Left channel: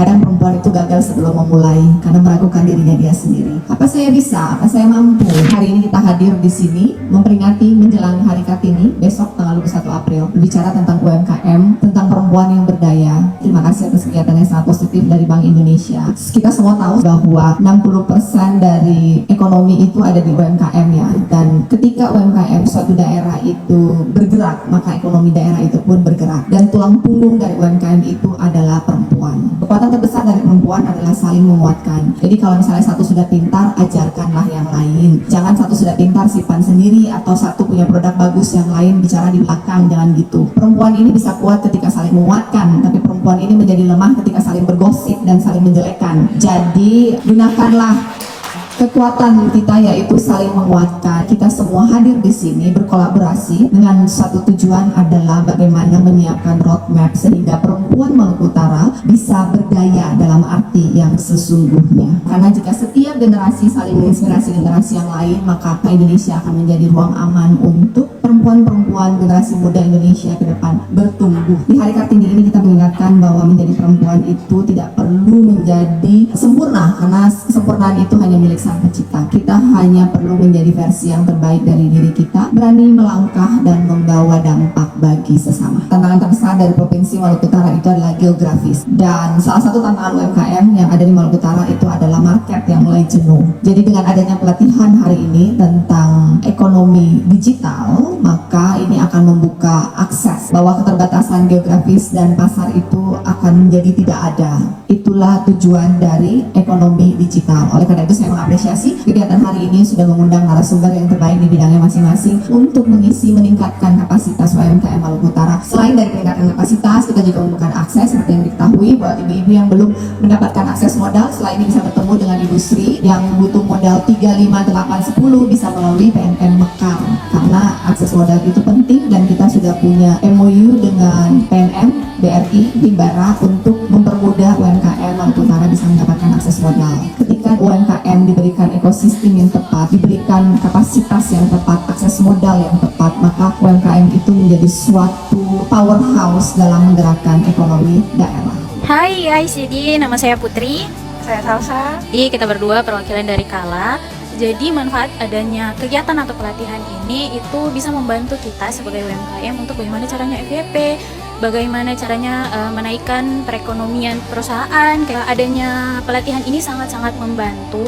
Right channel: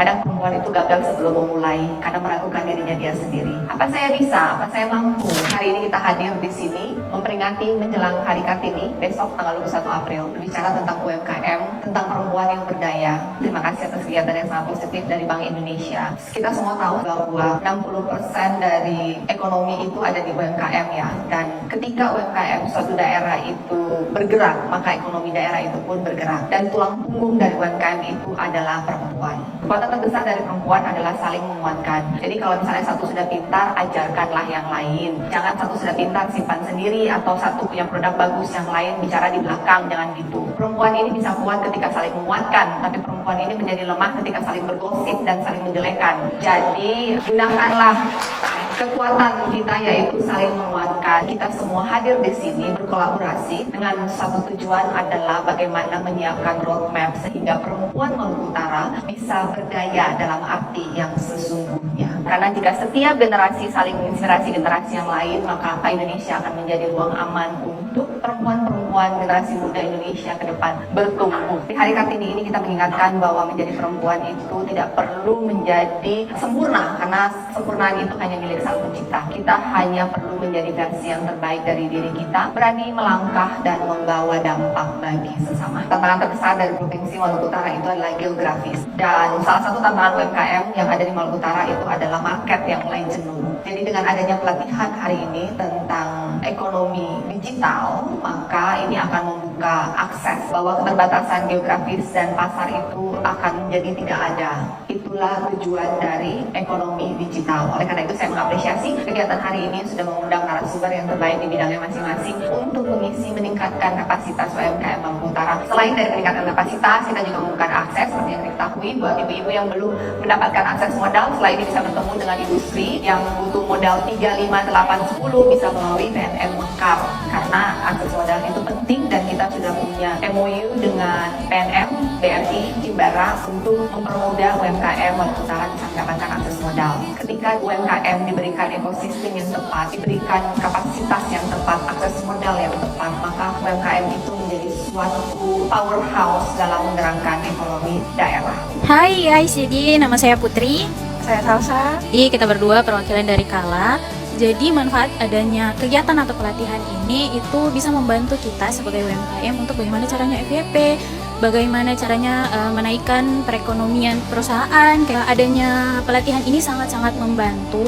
Kadang perempuan itu gagal sebelum memulai karena meragukan dirinya dia sendiri. Apa saya bisa? Apa saya mampu? Hari ini kita hadir di sini memperingati menjelang Hari Kartini besok tanggal 21 April berbicara tentang UMKM, tentang perempuan yang berdaya. Terima kasih atas kegiatan yang sangat positif dari Bank Indonesia. Kita semua tahu bahwa 60% dari ekonomi itu ada di UMKM ya, dan ketika UMKM suatu daerah itu bergerak, maka ekonomi daerah itu pun bergerak. Dan tulang punggung dari UMKM itu adalah perempuan. Kekuatan terbesar dari perempuan adalah saling menguatkan. Jadi kalau misalnya satu sudah pintar, ajarkanlah yang lain. Jangan satu sudah pintar simpan sendiri, atau satu punya produk bagus yang lain bicara di belakang, jangan gitu. Perempuan ini bisa kuat ketika saling menguatkan, tapi perempuan ini menjadi lemah ketika saling bergosip dan saling menjelekkan. Jadi gunakanlah kekuatan kita, yaitu saling menguatkan. Kita semua hadir di sini berkolaborasi dengan satu tujuan adalah bagaimana menyiapkan roadmap sehingga perempuan Maluku Utara bisa berdaya dalam arti yang sesungguhnya. Karena jika setiap generasi saling menginspirasi generasi yang lain, maka Indonesia akan menjadi ruang aman untuk perempuan-perempuan generasi muda Indonesia ke depan bertumbuh. Di Hari Kartini ini kita mengingatkan bahwa menjadi perempuan itu tidak perlu menjadi sempurna, karena kesempurnaan itu hanya milik Sang Pencipta. Kita hanya perlu menjadi versi yang terbaik dari diri kita, berani melangkah dan membawa dampak bagi sesama. Tantangan terbesar dari Provinsi Maluku Utara itu adalah geografis, dan salah satu tantangan UMKM yang ada di Maluku Utara itu adalah market yang mulai jenuh. Jadi dengan adanya pelatihan hari ini tentang ekonomi digital, maka ini akan membuka akses bahwa keterbatasan geografis dan pasar itu akan menjadi tidak ada. Itulah tujuan dari ekonomi digital. Oleh karena itu saya mengapresiasi kegiatan hari ini sudah mengundang narasumber yang terbaik di bidangnya masing-masing untuk mengisi meningkatkan kapasitas UMKM Maluku Utara. Selain dari peningkatan kapasitas, kita juga membuka akses seperti yang diketahui buat ibu-ibu yang belum mendapatkan akses modal. Setelah ini bisa bertemu dengan Ibu Sri yang butuh modal 3, 5, 8, 10 bisa melalui PNM Mekar, karena akses modal itu penting dan kita sudah punya MOU dengan PNM, BRI, Himbara untuk mempermudah UMKM Maluku Utara bisa mendapatkan akses modal. Ketika UMKM diberikan ekosistem yang tepat, diberikan kapasitas yang tepat, akses modal yang tepat, maka UMKM itu menjadi suatu powerhouse dalam menggerakkan ekonomi daerah. Hai ICD, nama saya Putri. Saya Salsa. Jadi kita berdua perwakilan dari Kala. Jadi manfaat adanya kegiatan atau pelatihan ini itu bisa membantu kita sebagai UMKM untuk bagaimana caranya FYP, bagaimana caranya menaikkan perekonomian perusahaan. Kayak adanya pelatihan ini sangat-sangat membantu